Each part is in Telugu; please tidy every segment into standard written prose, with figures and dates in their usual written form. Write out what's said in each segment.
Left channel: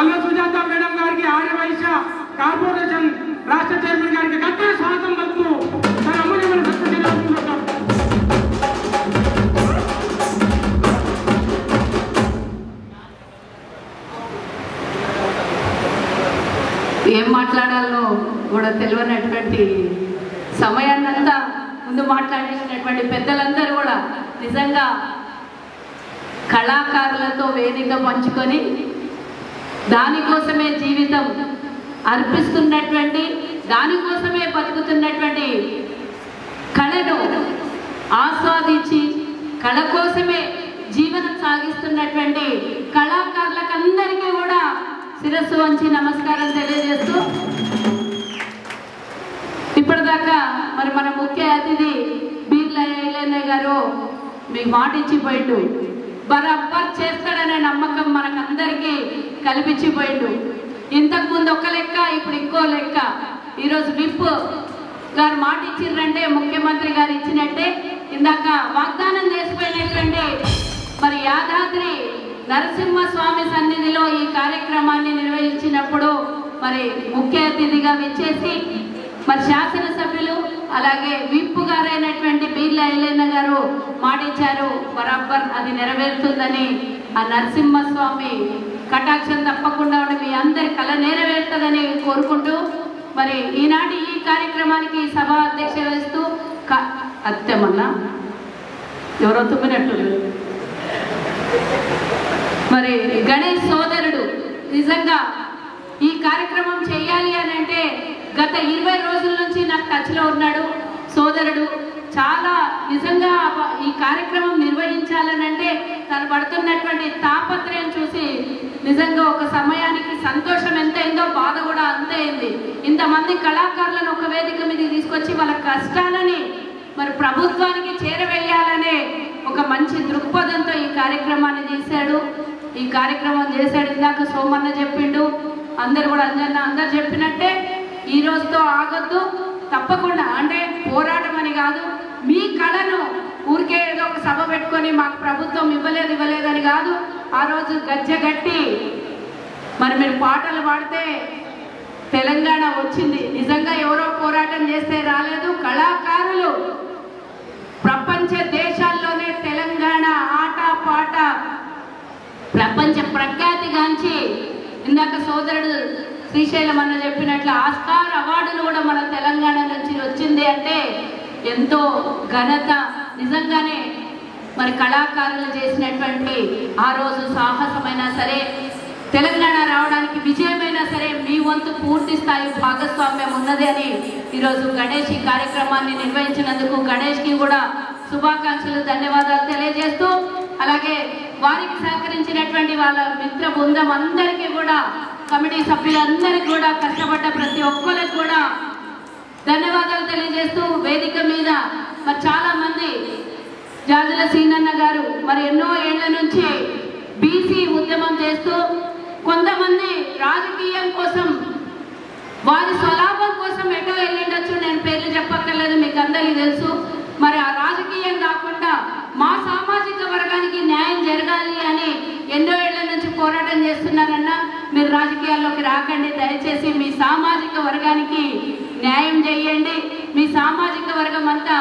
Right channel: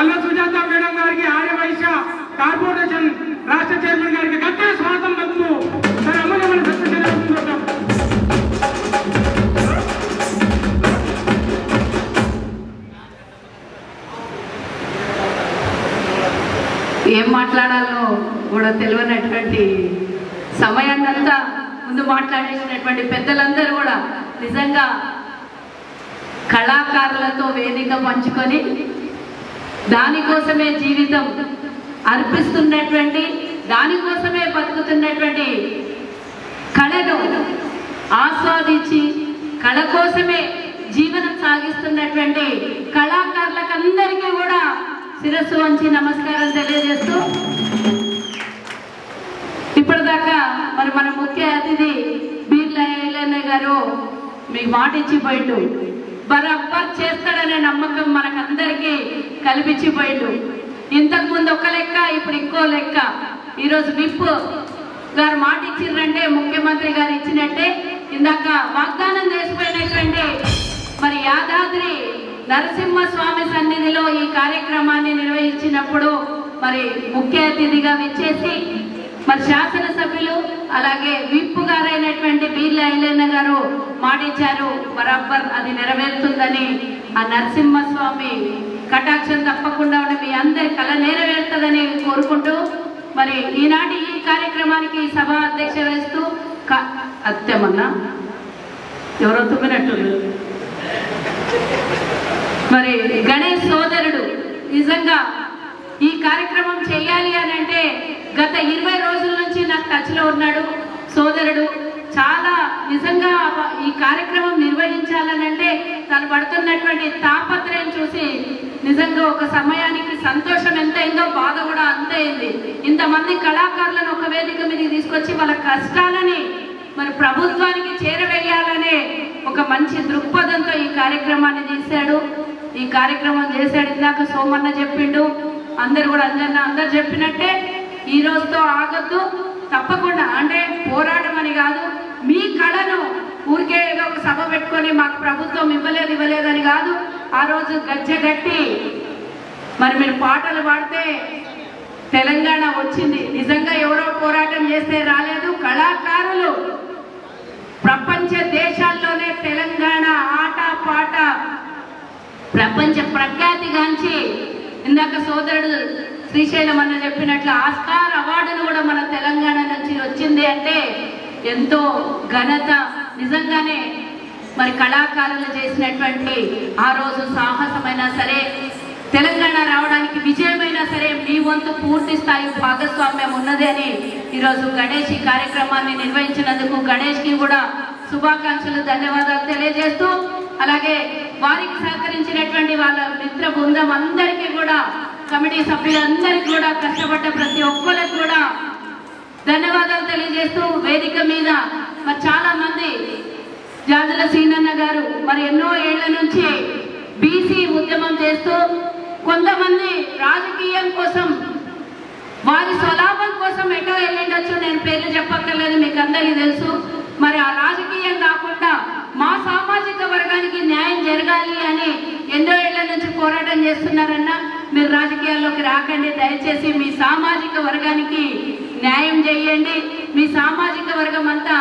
కల్వ సుజాత మేడం గారికి ఆర్యవైశ్య కార్పొరేషన్ రాష్ట్ర చైర్మన్ గారికి గట్టిగా స్వాగతం పలుకుతూ తన అమూల్యమైన సత్యశీలం ఏం మాట్లాడాలో కూడా తెలియనటువంటి సమయాన్నంతా ముందు మాట్లాడేసినటువంటి పెద్దలందరూ కూడా నిజంగా కళాకారులతో వేదిక పంచుకొని దానికోసమే జీవితం అర్పిస్తున్నటువంటి దానికోసమే బతుకుతున్నటువంటి కళను ఆస్వాదించి కళ కోసమే జీవనం సాగిస్తున్నటువంటి కళాకారులకు అందరికీ కూడా శిరస్సు వంచి నమస్కారం తెలియజేస్తూ ఇప్పటిదాకా మరి మన ముఖ్య అతిథి బీర్ల ఐలయ్య గారు మీకు మాట ఇచ్చిపోయిండు, బరాబర్ చేస్తాడనే నమ్మకం మనకందరికీ కల్పించిపోయిండు. ఇంతకుముందు ఒక లెక్క, ఇప్పుడు ఇంకో లెక్క. ఈరోజు విప్ గారు మాట ఇచ్చిండ్రంటే ముఖ్యమంత్రి గారు ఇచ్చినట్టే. ఇందాక వాగ్దానం చేసిపోయినటువంటి మరి యాదాద్రి నరసింహస్వామి సన్నిధిలో ఈ కార్యక్రమాన్ని నిర్వహించినప్పుడు మరి ముఖ్య అతిథిగా విచ్చేసి మరి శాసనసభ్యులు అలాగే విప్ గారైనటువంటి బీర్ల ఐలయ్య గారు మాటిచ్చారు, బరాబర్ అది నెరవేరుతుందని. ఆ నరసింహస్వామి కటాక్షం తప్పకుండా ఉండి మీ అందరి కళ నెరవేరుతుందని కోరుకుంటూ మరి ఈనాటి ఈ కార్యక్రమానికి సభ అధ్యక్ష వహిస్తూ అత్యమన్నా ఎవరో తుమ్మినట్టుంది మరి గణేష్ సోదరుడు నిజంగా ఈ కార్యక్రమం చేయాలి అని అంటే గత 20 రోజుల నుంచి నాకు టచ్లో ఉన్నాడు సోదరుడు. చాలా నిజంగా ఈ కార్యక్రమం నిర్వహించాలని అంటే తను పడుతున్నటువంటి తాపత్రయం చూసి నిజంగా ఒక సమయానికి సంతోషం ఎంత అయిందో బాధ కూడా అంతే అయింది. ఇంతమంది కళాకారులను ఒక వేదిక మీద తీసుకొచ్చి వాళ్ళ కష్టాలని మరి ప్రభుత్వానికి చేరవేయాలనే ఒక మంచి దృక్పథంతో ఈ కార్యక్రమాన్ని తీశాడు, ఈ కార్యక్రమం చేశాడు. ఇందాక సోమన్న చెప్పిండు, అందరు కూడా అందరు చెప్పినట్టే ఈ రోజుతో ఆగొద్దు, తప్పకుండా అంటే పోరాటం అని కాదు, మీ కళను ఊరికే ఏదో ఒక సభ పెట్టుకొని మాకు ప్రభుత్వం ఇవ్వలేదని కాదు. ఆ రోజు గజ్జగట్టి మరి మీరు పాటలు పాడితే తెలంగాణ వచ్చింది. నిజంగా ఎవరో పోరాటం చేస్తే రాలేదు, కళాకారులు ప్రపంచ దేశాల్లోనే తెలంగాణ ఆట పాట ప్రపంచ ప్రఖ్యాతిగాంచి ఇందాక సోదరుడు శ్రీశైలం అన్న చెప్పినట్లు ఆస్కార్ అవార్డును కూడా మన తెలంగాణ నుంచి వచ్చింది అంటే ఎంతో ఘనత. నిజంగానే మరి కళాకారులు చేసినటువంటి ఆ రోజు సాహసమైనా సరే, తెలంగాణ రావడానికి విజయమైనా సరే మీ వంతు పూర్తి స్థాయి భాగస్వామ్యం ఉన్నది అని ఈరోజు గణేష్ ఈ కార్యక్రమాన్ని నిర్వహించినందుకు గణేష్కి కూడా శుభాకాంక్షలు, ధన్యవాదాలు తెలియజేస్తూ అలాగే వారికి సహకరించినటువంటి వాళ్ళ మిత్ర బృందం అందరికీ కూడా, కమిటీ సభ్యులందరికీ కూడా, కష్టపడ్డ ప్రతి ఒక్కరికి కూడా ధన్యవాదాలు తెలియజేస్తూ వేదిక మీద మరి చాలా మంది జాజుల సీనన్న గారు మరి ఎన్నో ఏళ్ల నుంచి బీసీ ఉద్యమం చేస్తూ కొంతమంది రాజకీయం కోసం వారి స్వలాభం కోసం ఎటో వెళ్ళిండొచ్చు, నేను పేర్లు చెప్పక్కర్లేదు, మీకు అందరికీ తెలుసు. మరి ఆ రాజకీయం కాకుండా మా సామాజిక వర్గానికి న్యాయం జరగాలి అని ఎన్నో ఏళ్ల నుంచి పోరాటం చేస్తున్నారన్నా, మీరు రాజకీయాల్లోకి రాకండి, దయచేసి మీ సామాజిక వర్గానికి న్యాయం చేయండి. మీ సామాజిక వర్గం అంతా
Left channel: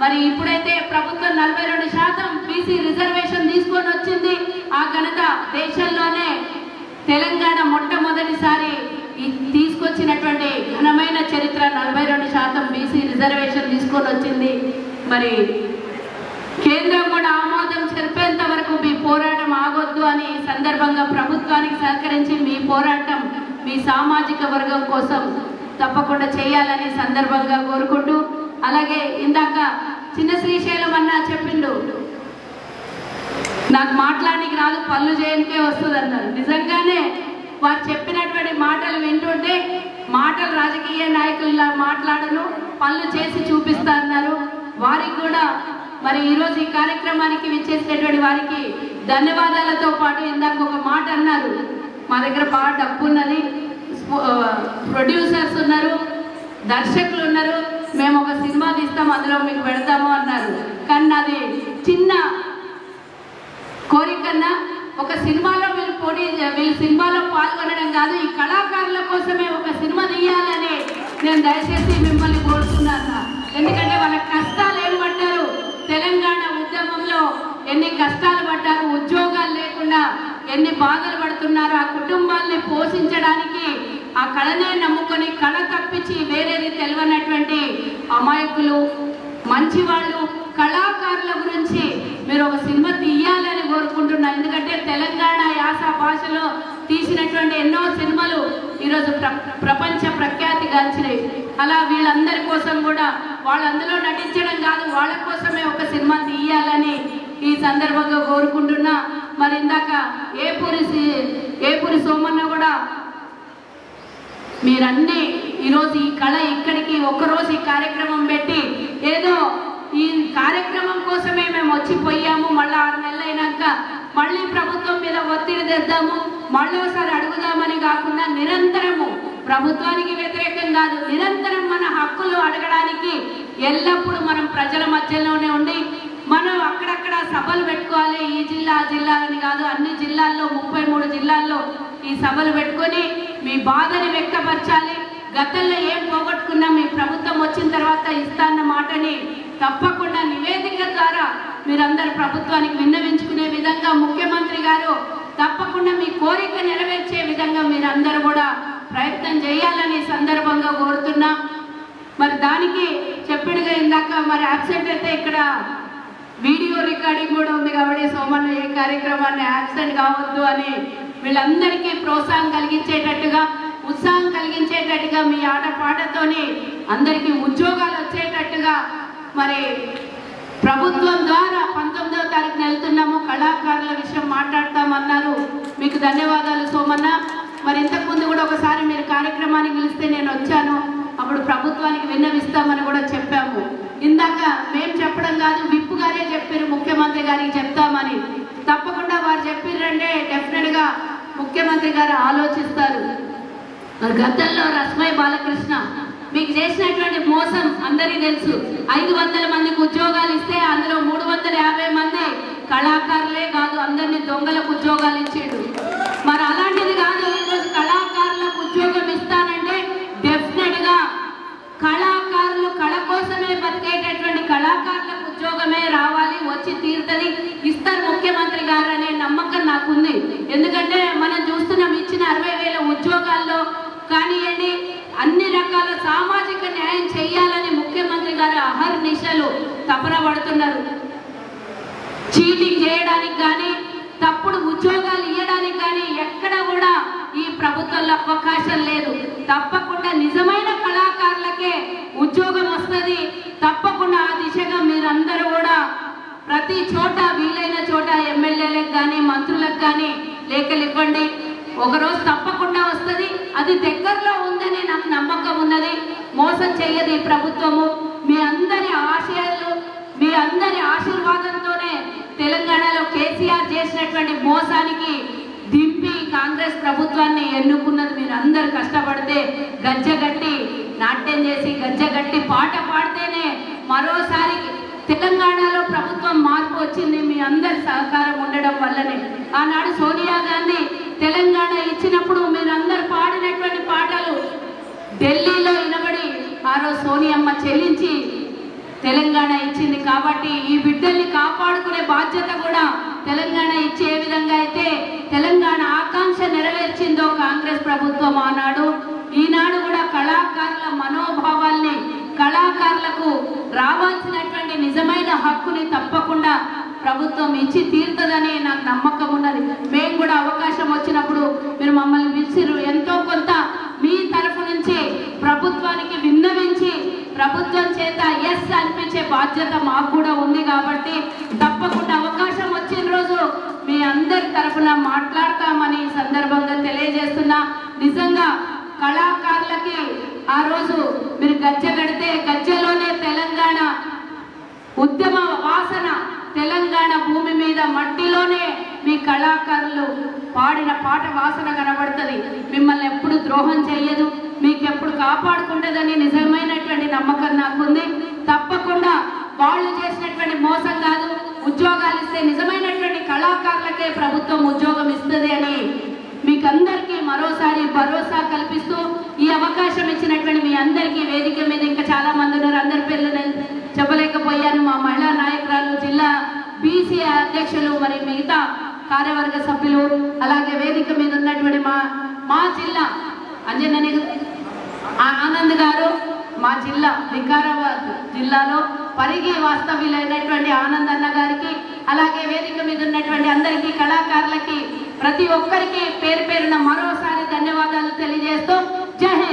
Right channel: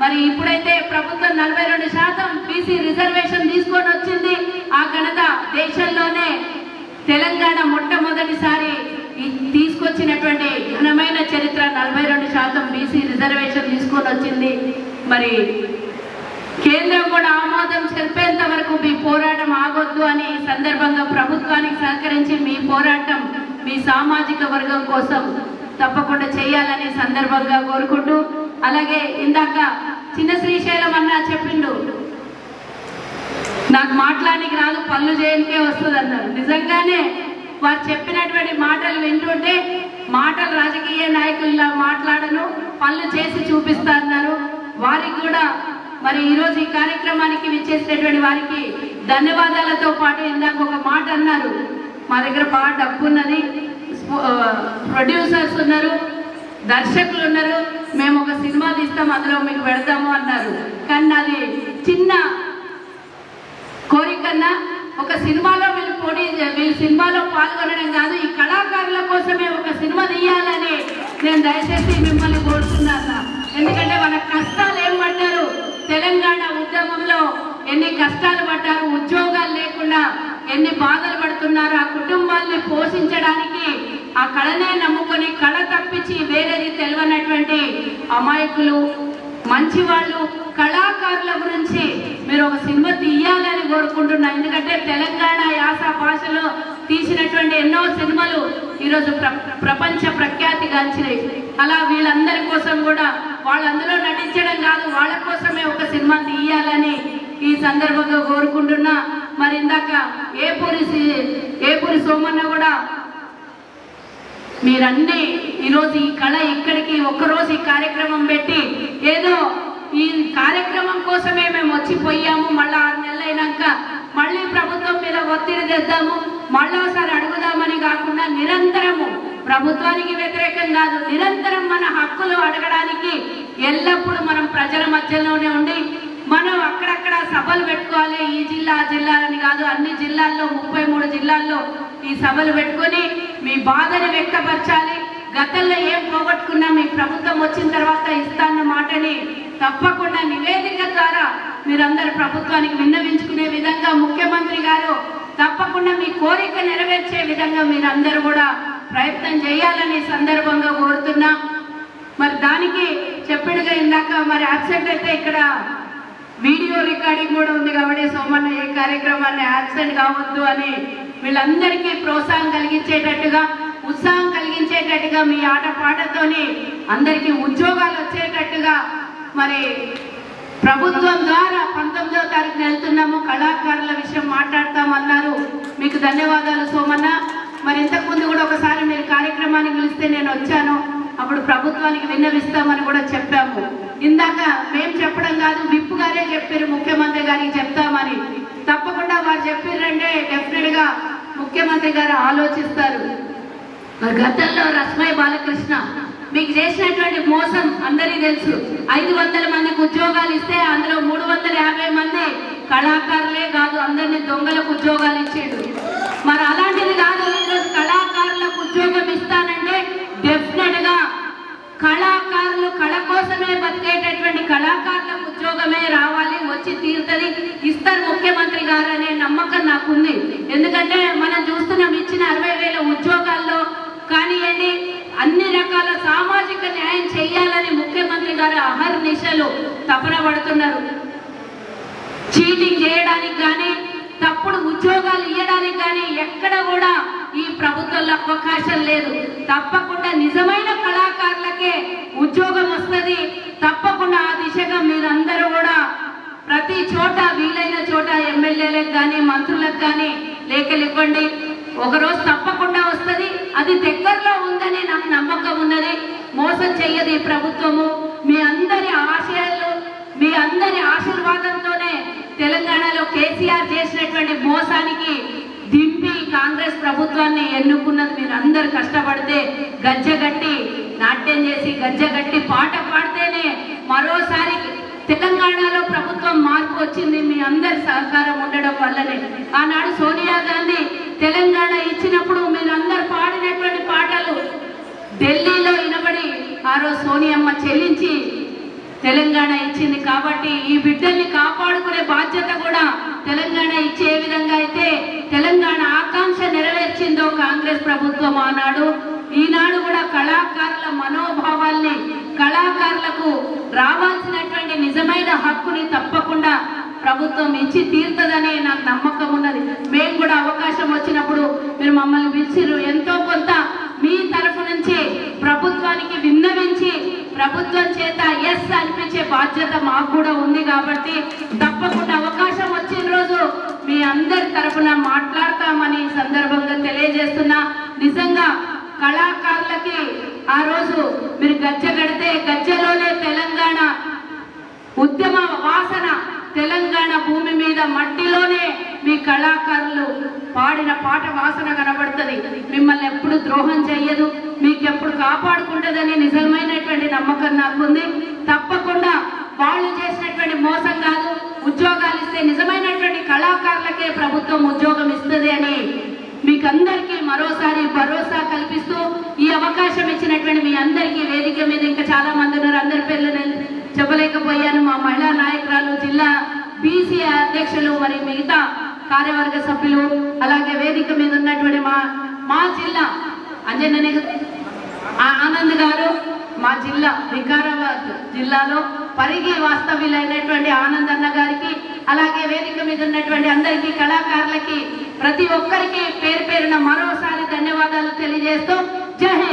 మరి ఇప్పుడైతే ప్రభుత్వం 42% బీసీ రిజర్వేషన్ తీసుకొని వచ్చింది. ఆ ఘనత దేశంలోనే తెలంగాణ మొట్టమొదటిసారి తీసుకొచ్చినటువంటి ఘనమైన చరిత్ర. 42% బీసీ రిజర్వేషన్ తీసుకొని వచ్చింది. మరి కేంద్రం కూడా ఆమోదం చెప్పేంత వరకు మీ పోరాటం ఆగొద్దు అని ఈ సందర్భంగా ప్రభుత్వానికి సహకరించి మీ పోరాటం మీ సామాజిక వర్గం కోసం తప్పకుండా చేయాలని సందర్భంగా కోరుకుంటూ అలాగే ఇందాక చిన్న శ్రీశైలం అన్న చెప్పిండు, నాకు మాట్లాడడానికి రాదు, పనులు చేయడానికే వస్తుంది అన్నారు. నిజంగానే వారు చెప్పినటువంటి మాటలు వింటుంటే మాటలు రాజకీయ నాయకుల్లా మాట్లాడను, పనులు చేసి చూపిస్తా అన్నారు. వారికి కూడా మరి ఈరోజు ఈ కార్యక్రమానికి విచ్చేసినటువంటి వారికి ధన్యవాదాలతో పాటు ఇందాక ఒక మాట అన్నారు, మా దగ్గర బాగా డబ్బు ఉన్నది, ప్రొడ్యూసర్స్ ఉన్నారు, దర్శకులు ఉన్నారు, మేము ఒక సినిమా తీస్తాం అందులో మీకు పెడతాము అన్నారు. కానీ నాది చిన్న కోరికన్నా ఒక సినిమాలో మీరు పోటీ వీళ్ళు సినిమాలో పాల్గొనడం కాదు, ఈ కళాకారుల కోసమే ఒక సినిమా తీయాలని నేను దయచేసి మిమ్మల్ని కోరుతున్నాను. ఎందుకంటే వాళ్ళ కష్టాలు ఏం పడ్డారు, తెలంగాణ ఉద్యమంలో ఎన్ని కష్టాలు పడ్డారు, ఉద్యోగాలు లేకుండా ఎన్ని బాధలు పడుతున్నారు, ఆ కుటుంబాల్ని పోషించడానికి ఆ కళనే నమ్ముకొని కళ తప్పించి వేరేది తెలియనటువంటి అమాయకులు మంచి వాళ్ళు కళాకారుల గురించి మీరు ఒక సినిమా తీయాలని కోరుకుంటున్నాను. ఎందుకంటే తెలంగాణ యాస భాషలో తీసినటువంటి ఎన్నో సినిమాలు ఈరోజు ప్రపంచ ప్రఖ్యాతి గాంచినాయి. అలా వీళ్ళందరి కోసం కూడా వాళ్ళందరూ నటించడం కాదు, వాళ్ళ కోసమే ఒక సినిమా తీయాలని ఈ సందర్భంగా కోరుకుంటున్నా. మరి ఇందాక ఏపూరి సోమన్న కూడా మీరన్నీ ఈరోజు ఈ కళ ఇక్కడికి ఒక్కరోజు ఈ కార్యక్రమం పెట్టి ఏదో ఈ కార్యక్రమం కోసమే మేము వచ్చిపోయాము, మళ్ళీ 6 నెలలు అయినాక మళ్ళీ ప్రభుత్వం మీద ఒత్తిడి తెద్దాము, మళ్ళీ ఒకసారి అడుగుదామని కాకుండా నిరంతరము ప్రభుత్వానికి వ్యతిరేకం కాదు, నిరంతరం మన హక్కులు అడగడానికి ఎల్లప్పుడూ మనం ప్రజల మధ్యలోనే ఉండి మనం అక్కడక్కడ సభలు పెట్టుకోవాలి. ఈ జిల్లా ఆ జిల్లా అని కాదు, అన్ని జిల్లాల్లో 33 జిల్లాల్లో ఈ సభలు పెట్టుకొని మీ బాధని వ్యక్తపరచాలి. గతంలో ఏం పోగొట్టుకున్నా మీ ప్రభుత్వం వచ్చిన తర్వాత ఇస్తాన్న మాటని తప్పకుండా నివేదిక ద్వారా మీరందరూ ప్రభుత్వానికి విన్నవించుకునే విధంగా ముఖ్యమంత్రి గారు తప్పకుండా మీ కోరిక నెరవేర్చే విధంగా మీరందరూ కూడా ప్రయత్నం చేయాలని సందర్భంగా కోరుతున్నా. మరి దానికి చెప్పినగా ఇందాక మరి అబ్సెంట్ అయితే ఇక్కడ వీడియో రికార్డింగ్ కూడా ఉంది కాబట్టి సోమన్న ఈ కార్యక్రమాన్ని అబ్సెంట్ కావద్దు అని వీళ్ళందరికీ ప్రోత్సాహం కలిగించేటట్టుగా ఉత్సాహం కలిగించేటట్టుగా మీ ఆటపాటతోని అందరికీ ఉద్యోగాలు వచ్చేటట్టుగా మరి ప్రభుత్వం ద్వారా 19వ తారీఖున వెళ్తున్నాము, కళాకారుల విషయం మాట్లాడతామన్నారు. మీకు ధన్యవాదాలు సోమన్న. మరి ఇంతకుముందు కూడా ఒకసారి మీరు కార్యక్రమానికి పిలిస్తే నేను వచ్చాను, అప్పుడు ప్రభుత్వానికి విన్నవిస్తామని కూడా చెప్పాము. ఇందాక మేము చెప్పడం కాదు, విప్ గారే చెప్పారు ముఖ్యమంత్రి గారికి చెప్తామని. తప్పకుండా వారు చెప్పారంటే డెఫినెట్ గా ముఖ్యమంత్రి గారు ఆలోచిస్తారు. గతంలో రస్మయ్య బాలకృష్ణ మీకు చేసినటువంటి మోసం అందరికీ తెలుసు. 500 మందికి ఉద్యోగాలు ఇస్తే అందులో 350 మంది కళాకారులే కాదు, అందరినీ దొంగలకు ఉద్యోగాలు ఇచ్చాడు. మరి అలాంటిది కాదు, ఈరోజు కళాకారులకు ఉద్యోగం ఇస్తానంటే డెఫినెట్ గా కళాకారులు కళ కోసమే బతికేటటువంటి కళాకారులకు ఉద్యోగమే రావాలి, వచ్చి తీరుతుంది, ఇస్తారు ముఖ్యమంత్రి గారు అనే నమ్మకం నాకుంది. ఎందుకంటే మనం చూస్తున్నాం ఇచ్చిన 60,000 ఉద్యోగాల్లో కానివ్వండి అన్ని రకాల సామాజిక న్యాయం చేయాలని ముఖ్యమంత్రి గారు అహర్నిశలు తపన పడుతున్నారు. చీటింగ్ చేయడానికి కానీ తప్పుడు ఉద్యోగాలు ఇవ్వడానికి కానీ ఎక్కడ కూడా ఈ ప్రభుత్వంలో అవకాశం లేదు. తప్పకుండా నిజమైన కళాకారులకే ఉద్యోగం వస్తుంది. తప్పకుండా ఆ దిశగా మీరందరూ కూడా ప్రతి చోట వీలైన చోట ఎమ్మెల్యేలకు కానీ మంత్రులకు కానీ లేఖలు ఇవ్వండి. ఒకరోజు తప్పకుండా వస్తుంది, అది దగ్గరలో ఉందని నాకు నమ్మకం ఉన్నది. మోసం చెయ్యదు ఈ ప్రభుత్వము. మీ అందరి ఆశయాలు మీ అందరి ఆశీర్వాదంతోనే తెలంగాణలో కేసీఆర్ చేసినటువంటి మోసానికి దింపి కాంగ్రెస్ ప్రభుత్వాన్ని ఎన్నుకున్నది. మీరు అందరు కష్టపడితే గజ్జగట్టి నాట్యం చేసి గజ్జగట్టి పాట పాడితేనే మరోసారి తెలంగాణలో ప్రభుత్వం మార్పు వచ్చింది. మీ అందరి సహకారం ఉండడం వల్లనే. ఆనాడు సోనియా గాంధీ తెలంగాణ ఇచ్చినప్పుడు మీరందరూ పాడినటువంటి పాటలు ఢిల్లీలో వినబడి ఆ రోజు సోనియమ్మ చెల్లించి తెలంగాణ ఇచ్చింది. కాబట్టి ఈ బిడ్డల్ని కాపాడుకునే బాధ్యత కూడా తెలంగాణ ఇచ్చే విధంగా అయితే తెలంగాణ ఆకాంక్ష నెరవేర్చిందో కాంగ్రెస్ ప్రభుత్వం ఆనాడు, ఈనాడు కూడా కళాకారుల మనోభావాల్ని కళాకారులకు రావాల్సినటువంటి నిజమైన హక్కుని తప్పకుండా ప్రభుత్వం ఇచ్చి తీరుతుందని నాకు నమ్మకం ఉన్నది. మేము కూడా అవకాశం వచ్చినప్పుడు మీరు మమ్మల్ని పిలిచిరు, ఎంతో కొంత మీ తరఫు నుంచి ప్రభుత్వానికి విన్నవించి ప్రభుత్వం చేత ఎస్ అనిపించే బాధ్యత మాకు కూడా ఉంది. కాబట్టి తప్పకుండా అవకాశం వచ్చిన రోజు మీ అందరి తరఫున మాట్లాడతామని సందర్భంగా తెలియజేస్తున్నా. నిజంగా కళాకారులకి ఆ రోజు మీరు గజ్జ కడితే గజ్జలోనే తెలంగాణ ఉద్యమ వాసన, తెలంగాణ భూమి మీద మట్టిలోనే మీ కళాకారులు పాడిన పాట వాసన కనబడుతుంది. మిమ్మల్ని ఎప్పుడు ద్రోహం చెయ్యదు, మీకు ఎప్పుడు కాపాడుకుంటుందని నిజమైనటువంటి నమ్మకం నాకుంది. తప్పకుండా వాళ్ళు చేసినటువంటి మోసం కాదు, ఉద్యోగాలు ఇస్తే నిజమైనటువంటి కళాకారులకే ప్రభుత్వం ఉద్యోగం ఇస్తుంది అని చాలా మంది ఉన్నారు, అందరి పేర్లు నేను చెప్పలేకపోయాను. మా మహిళా నాయకురాలు, జిల్లా బీసీ అధ్యక్షులు, మరి మిగతా కార్యవర్గ సభ్యులు, అలాగే వేదిక మీద ఉన్నటువంటి మా జిల్లా అంజనని ఆనంద్ గారు, మా జిల్లా వికారాబాద్ జిల్లాలో పరిగి వాస్తవ్యులైనటువంటి ఆనంద్ అన్న గారికి, అలాగే వేదిక మీద ఉన్నటువంటి అందరికీ, కళాకారులకి, ప్రతి ఒక్కరికి పేరు పేరున మరోసారి ధన్యవాదాలు తెలియజేస్తూ జై హింద్.